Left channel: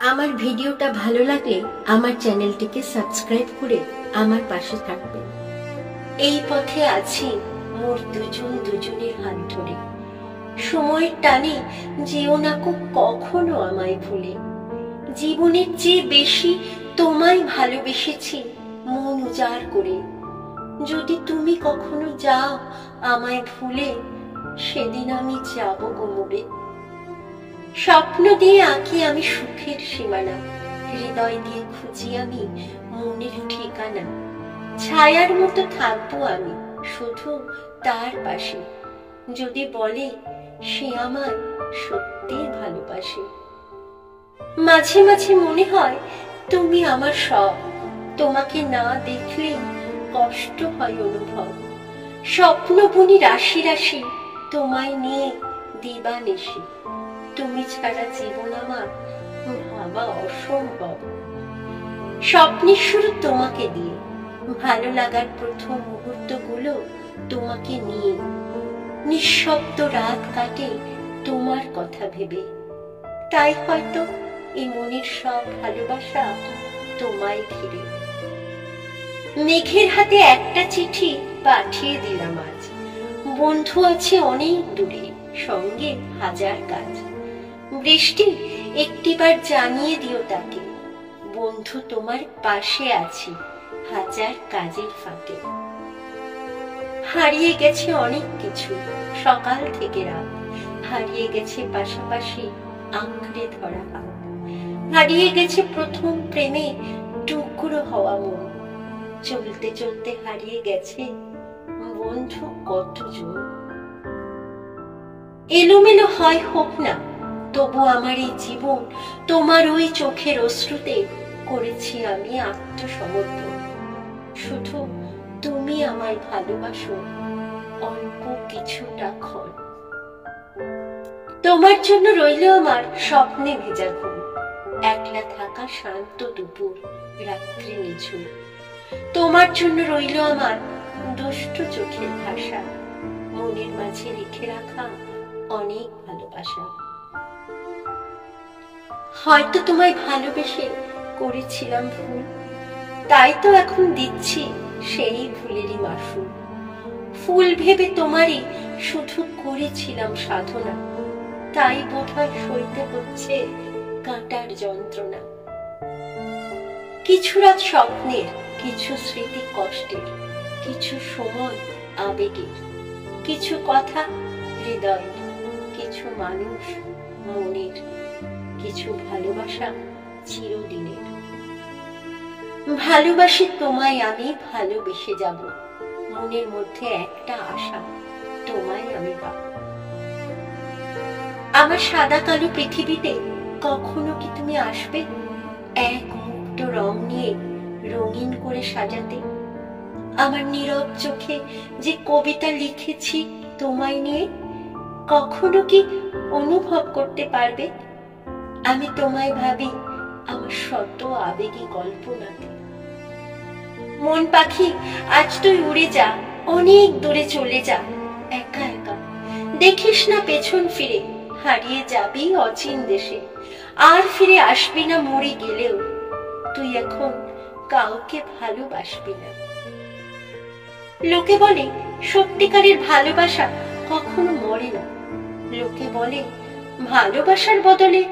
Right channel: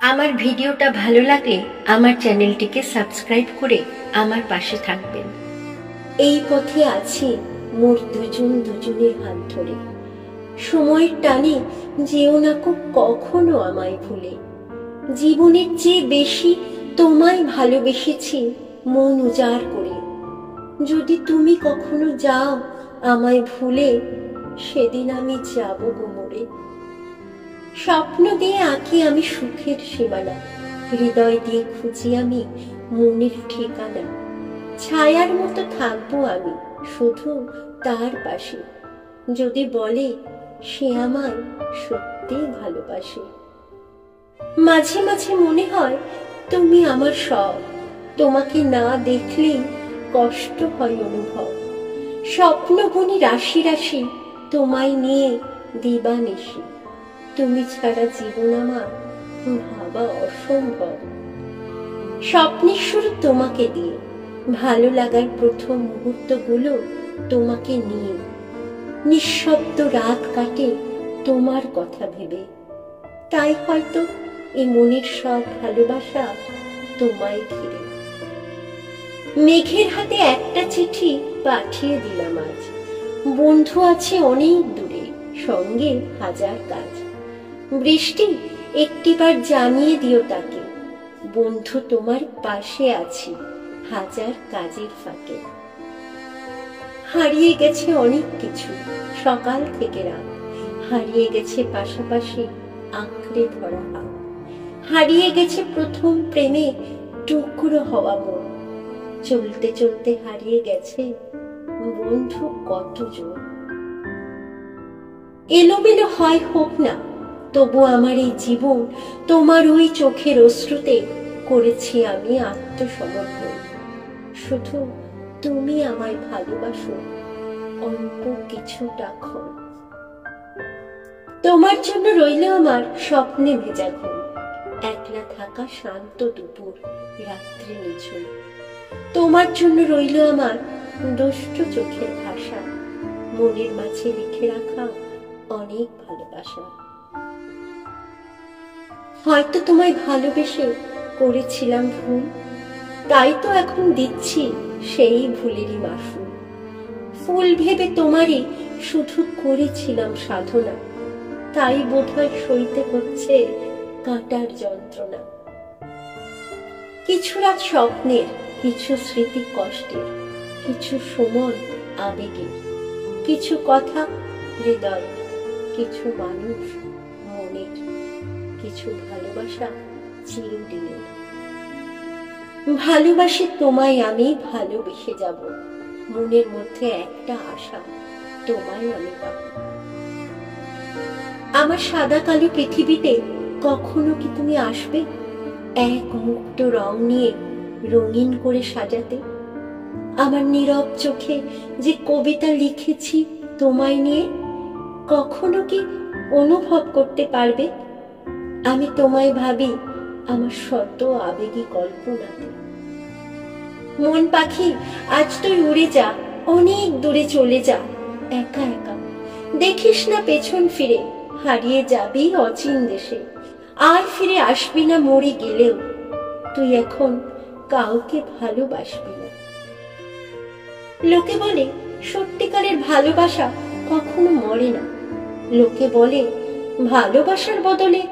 আমার ভিডিওটা ভালো লাগলে আমার চ্যানেলটিকে সাবস্ক্রাইব করে আমার পাশে থাকবেন। এই পথে আছি মোর দুজন দুজনের হাত ধরে। সময়ের টানে যেও না কখনো আমায় ভুলে। জীবনের চেয়ে বেশি তোমায় ভালোবেসেছি মন উজাড় করে। যদি তুমি কখনো যাও আমায় ভুলে, সেদিন আমি যাব কোমরে। স্বপ্ন দিয়ে আঁকি আমি সুখের সীমানা, হৃদয় দিয়ে খুঁজি আমি মনের ঠিকানা। ছায়ার মতো থাকবো আমি শুধু তার পাশে, যদি বলে সে আমায় সত্যি ভালোবাসে। মাঝে মাঝে মনে হয় তুমি আমার সব, তোমাকে না দেখলে কষ্ট হয় অনুভব। স্বপ্ন বুনি রাশি রাশি তোমায় নিয়ে দিবানিশি। তুমি ছাড়া জীবন আমার ভাবা অসম্ভব। স্বপ্নের শুরু তোমাকে দিয়ে, ভালো লাগার প্রথম মুহূর্তগুলো তোমাকে নিয়ে। নিঃশব্দ রাত কাটে তোমার কথা ভেবে, তাই হয়তো এই মনের সব ভালোবাসা তোমায় ঘিরে। মেঘের হাতে একটা চিঠি পাঠিয়ে দিলাম আজ। বন্ধু আছে অনেক দূরে, সঙ্গে হাজার কাজ। বৃষ্টি একটিবার জানিয়ে দিও তাকে, বন্ধু তোমার পাশে আছি হাজার কাজের ফাঁকে। হারিয়ে গেছে অনেক কিছু সকাল থেকে রাত, হারিয়ে গেছে পাশাপাশি আঁকড়ে ধরা হাত। হারিয়ে গেছে প্রথম প্রেমে টুকরো হওয়া মন, চলতে চলতে হারিয়ে গেছে বন্ধু কতজন। এলোমেলো হয় হোক না তবু আমার এই জীবন, তোমার ওই চোখের অশ্রুতে করেছি আমি আত্মসমর্পণ। শুধু তুমি আমায় ভালোবাসো অল্প কিছুটা ক্ষণ। তোমার জন্য রইল আমার স্বপ্নে ভেজা ঘুম, একলা থাকা শান্ত দুপুর রাত্রি নিঝুম। তোমার জন্য রইল আমার দুষ্ট চোখের ভাষা, মনের মাঝে লিখে রাখা অনেক ভালোবাসা। হয়তো তোমায় ভালোবেসে করেছিলাম ভুল, তাই তো এখন দিচ্ছি সেই ভুলেরই মাসুল। ফুল ভেবে তোমারই শুধু করেছিলাম সাধনা, তাই বোধহয় সইতে হচ্ছে কাঁটার যন্ত্রণা। কিছু রাত স্বপ্নের, কিছু স্মৃতি কষ্টের, কিছু সময় আবেগের, কিছু কথা হৃদয়ের, কিছু মানুষ মনের, কিছু ভালোবাসা চিরদিনের। ভালোবাসি তোমায় আমি, ভালোবেসে যাব, মনের মধ্যে একটা আশা তোমায় আমি পাবো। আমার সাদা কালো পৃথিবীতে কখনো কি তুমি আসবে এক মুক্ত রং নিয়ে রঙিন করে সাজাতে? আমার নীরব চোখে যে কবিতা লিখেছি তোমায় নিয়ে, কখনো কি অনুভব করতে পারবে? আমি তোমায় ভাবি আমার শত আবেগী কল্পনাতে। মন পাখি আজ তুই উড়ে যা, অনেক দূরে চলে যা একা একা। দেখিস না পেছন ফিরে, হারিয়ে যাবি অচিন দেশে। আর ফিরে আসবি না মরে গেলেও, তুই এখন কাউকে ভালোবাসবি না। লোকে বলে সত্যিকারের ভালোবাসা কখনো মরে না। লোকে বলে ভালোবাসার বদলে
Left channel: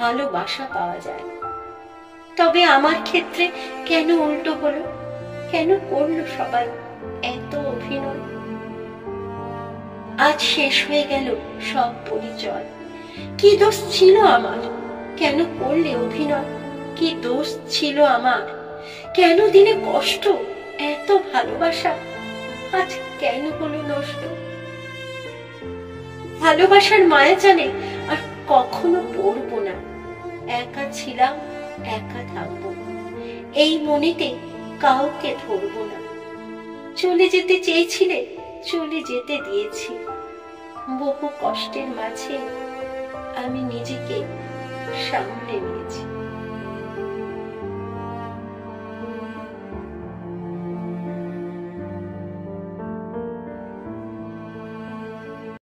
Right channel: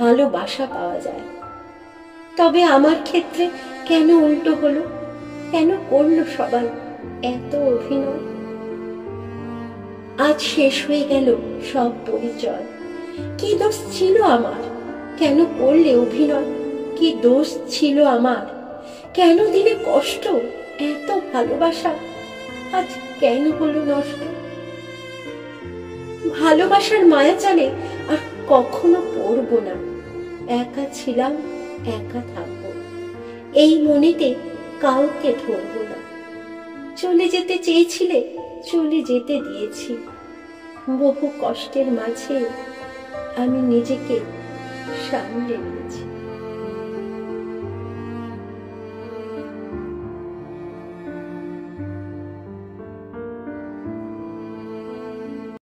ভালোবাসা পাওয়া যায়। তবে আমার ক্ষেত্রে কেন উল্টো হলো? কেন করলো সবাই এত অভিনয়? আজ শেষ হয়ে গেল সব পরিচয়। কি দোষ ছিল আমার? কেন করলে অভিনয়? কি দোষ ছিল আমার? কেন দিলে কষ্ট? এত ভালোবাসা আজ কেন হলো নষ্ট? ভালোবাসার মায়া জানে আর কখনো পড়বো না। একা ছিলাম, একা থাকবো, এই মনেতে কাউকে ধরবো না। চলে যেতে চেয়েছিলে, চলে যেতে দিয়েছি। বহু কষ্টের মাঝে আমি নিজেকে সামলে নিয়েছি।